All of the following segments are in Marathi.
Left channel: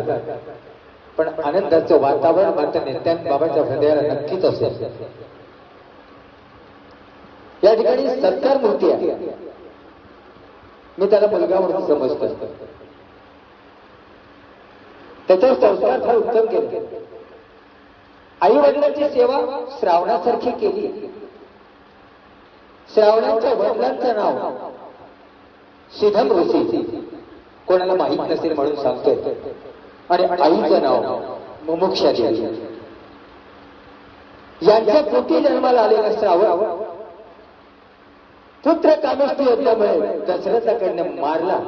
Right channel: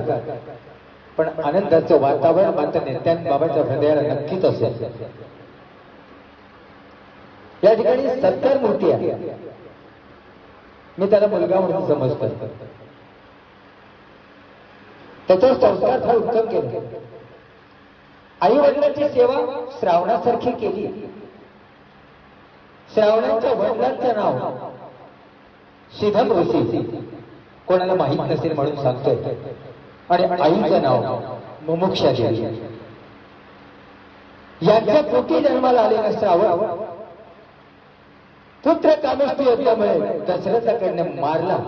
जातात. पण आनंदाचं वातावरण मात्र नेत्यां बाबांच्या हृदयाला नक्कीच असेल. या ठिकाणी सत्कार मूर्ती आहे. मी त्याला मुलगा म्हणून समजतो त्याच्यावर संस्कार फार उत्तम केले. आई वडिलांची सेवा श्रावणासारखी केली. श्रावणाच्या वडिलांचं नाव सुधम ऋषी. कोणाला माहीत नसेल म्हणून सांगतोय. आणि आईचं नाव मुमुक्षा देवी. यांच्या पोटी जन्माला आलेला श्रावण पुत्र कामस्ती होत्यामुळे दशरथाकडे मारला.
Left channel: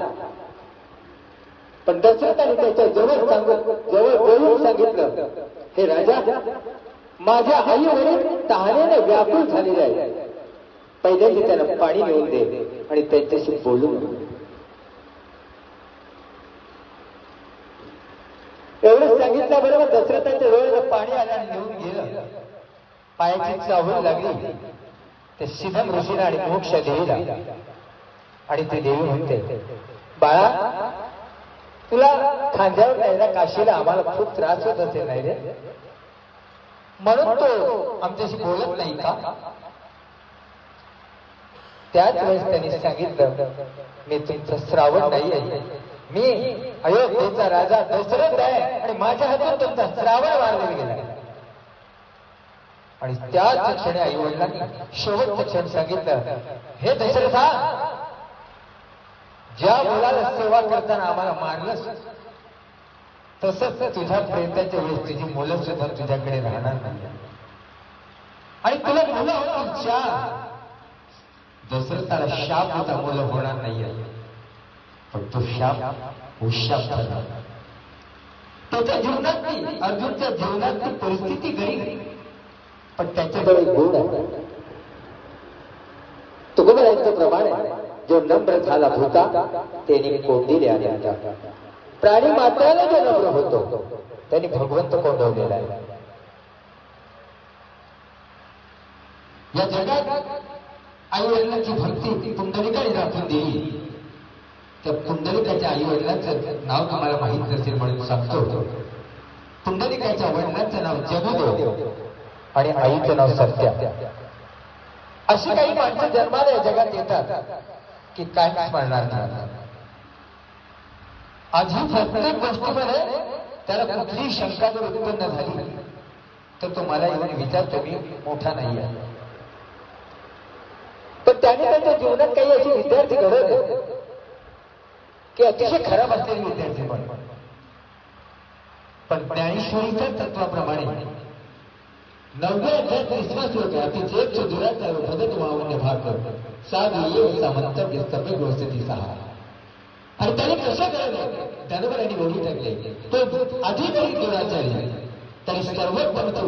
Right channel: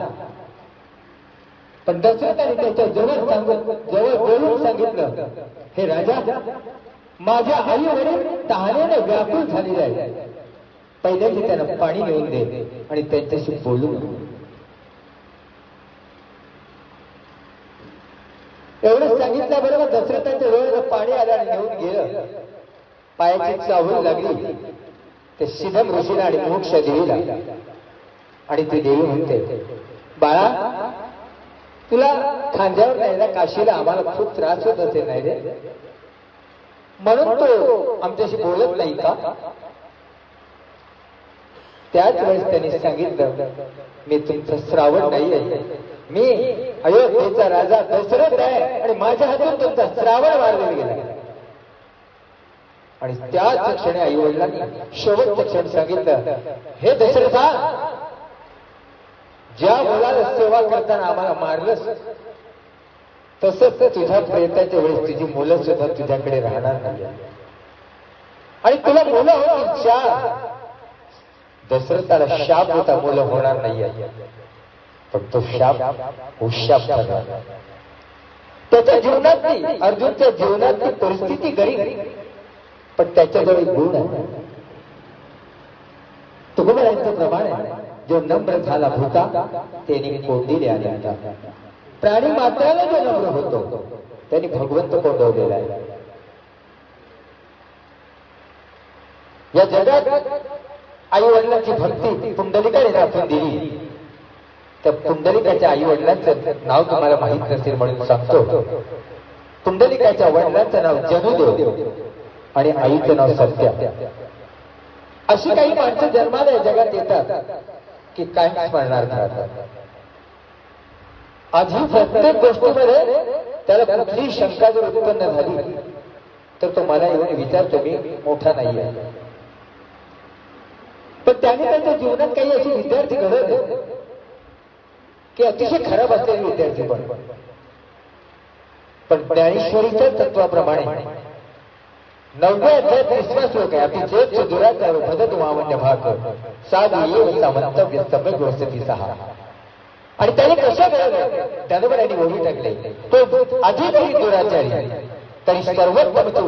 पण दशरथाने त्याच्याजवळ सांगून जवळ बोलून सांगितलं हे राजा माझ्या आईवरील तहाण्याने व्याकुळ झालेले आहे. पहिल्याची त्यानं पाणी घेऊन दे आणि त्यांच्याशी बोलू एवढं सांगितल्याबरोबर दशरथाच्या वेळेला पाणी आलं आणि निघून गेलं पायाची चाहूल लागली ते शिवन ऋषीला आणि मोक्ष देवीला आणि ती देवी म्हणते बाळा तुला खांद्यावर न्यायला काशीला आम्हाला खूप त्रास होत असेल नाही रे? म्हणून तो आमच्याशी बोलत नाही का? त्याच वेळेस त्यांनी सांगितलं मी तुमचं श्रावण नाही आहे मी अयोध्येचा राजा दशरथ आहे आणि माझ्या हातून तुमचा श्रावण मारला गेला. आणि त्याच क्षणी आई वडिलांनी शेवटच्या क्षण सांगितलं हे दशरथा ज्या मुलाला सेवा करताना आम्हाला मारलंस तसंच तुझ्या प्रयत्नाच्या वेळेस तुझी मुलं सुद्धा तुझ्याकडे राहणार नाही आणि तुला मुलं हो चार दशरथाला शाप होता मुलं होणार नाही पण तो शाप उशाप झाला. त्याच्या जीवनातली अर्जुनच्या जीवनातली परिस्थिती गरीब पण त्याच्याजवळ गुण आहे. तुकोबराचं प्रमाण आहे. जो नम्र झाला होता त्यांनी कोंडीले आले होता प्राणी मात्राला जो नम्र होतो त्यांनी भगवंत कोंडवलेला आहे. या जगात आई वडिलांची भक्ती पुंडलिकाने दाखवून दिली. तर पुंडलिकाच्या आई वडिलांचं नाव तुम्हाला माहीत नसेल म्हणून सांगतो. पुंडलिकाच्या वडिलांचं नाव जमिलो आणि आईचं नाव सत्य. अशी काही माणसं जन्माला या जगात येतात की काय स्मरणार राहतात. आधी प्रत्येक गोष्टीमध्ये त्याला कुठलीही शंका जर उत्पन्न झाली तर तो मला येऊन विचारतो मी मोठा नाही आहे जीवनात काही असे विद्यार्थी घडवले की अतिशय खराब असलेले विद्यार्थी बरोबर पण ज्ञानेश्वरीच्या तत्वाप्रमाणे नवव्या अध्याय तिसरा श्लोक आहे अति जेच दुराचार भदत वावण्य भाग साधू येव सामंतव्य सभय गोष्टी सहा. आणि त्याने कशा घडवलं त्यानं यांनी ओढी टाकले तो अधिकही दुराचारी तरी सर्वोत्तम तो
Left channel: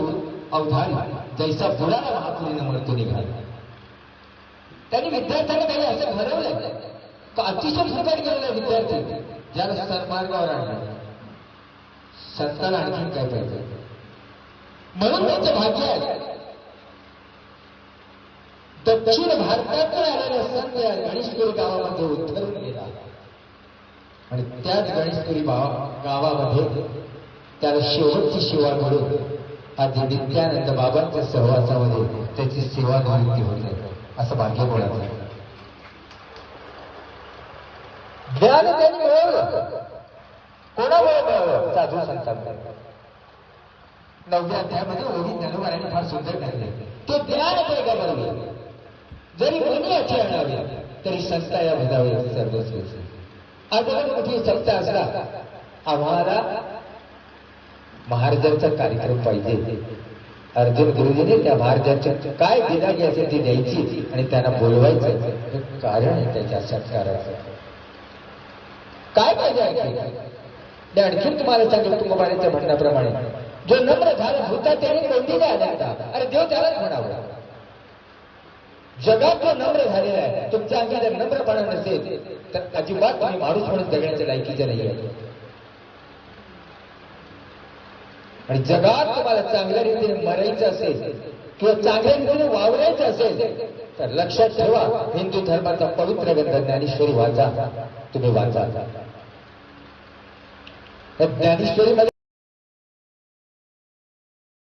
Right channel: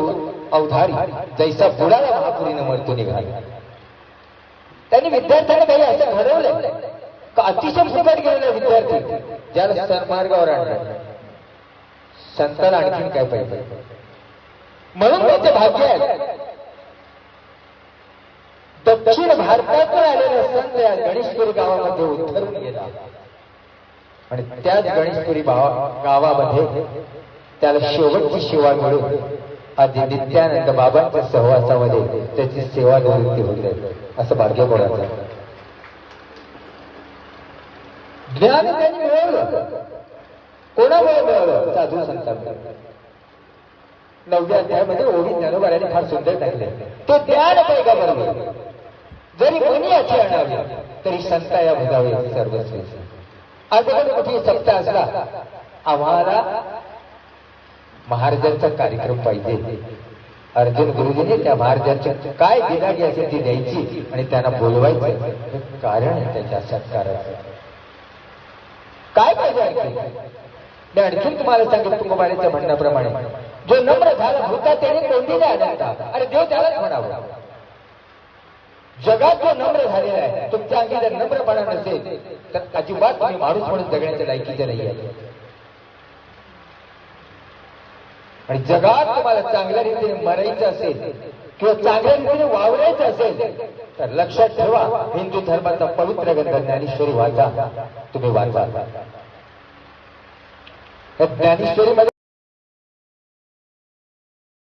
अवधारी जैसा पुराला महापुरीनं मरतो निघाला. त्यांनी विद्यार्थ्यांना काही असं घडवलं का अतिशय फुकट गेलेला विद्यार्थी. ज्याला सन्मार्गावर आणलं. संतांना आणखीन काय पाहिजे? म्हणून त्यांचे भाग्य आहे. दक्षिण भारतातून आलेले संत या गणेशपुरी गावामध्ये उतरून गेला. आणि त्याच गणेशपुरी गावामध्ये त्याला शेवटची सेवा मिळून आधी नित्यानंद बाबांच्या सहवासामध्ये त्याची सेवा निवृत्ती होत राहील असं भाग्य पडायचं ज्ञान त्यांनी मिळवलं कोणामुळे मिळवलं साधू संतांना नवव्या अध्यायामध्ये ओढी ज्ञानोबाराने फार सुंदर टाकले तो ज्ञान पैगा बरोबर जरी कोणी असे आणावे तरी संता या भगावे सर्वस्वी आज एखादी कुठे सत्ता असला आम्हाला महाराजांचा कार्यक्रम पाहिजे. अर्जुन गुरुजीने त्या महाराजांच्या काय दिनागी असेल ती द्यायची आणि त्यांना बोलवायचं. हे कारण आहे त्याच्या सत्काराचं. काय पाहिजे आणखीन तुम्हाला सांगेल तुकोबाराच्या म्हणण्याप्रमाणे. जो नम्र झाला होता त्याने कोणतीने आढळता अरे देव त्यालाच म्हणावं. जगात जो नम्र झालेला आहे तुमच्या अंगी जर नम्रपणा नसेल तर अजिबात तुम्ही माणूस म्हणून जगण्याच्या लायकीचे नाही आहे आणि जगात तुम्हाला चांगल्या रीतीने मरायचं असेल किंवा चांगल्या रीतीने वावरायचं असेल तर लक्षात ठेवा हिंदू धर्माचा पवित्र ग्रंथ ज्ञानेश्वरी वाचा. तुम्ही वाचा. ज्ञानेश्वरी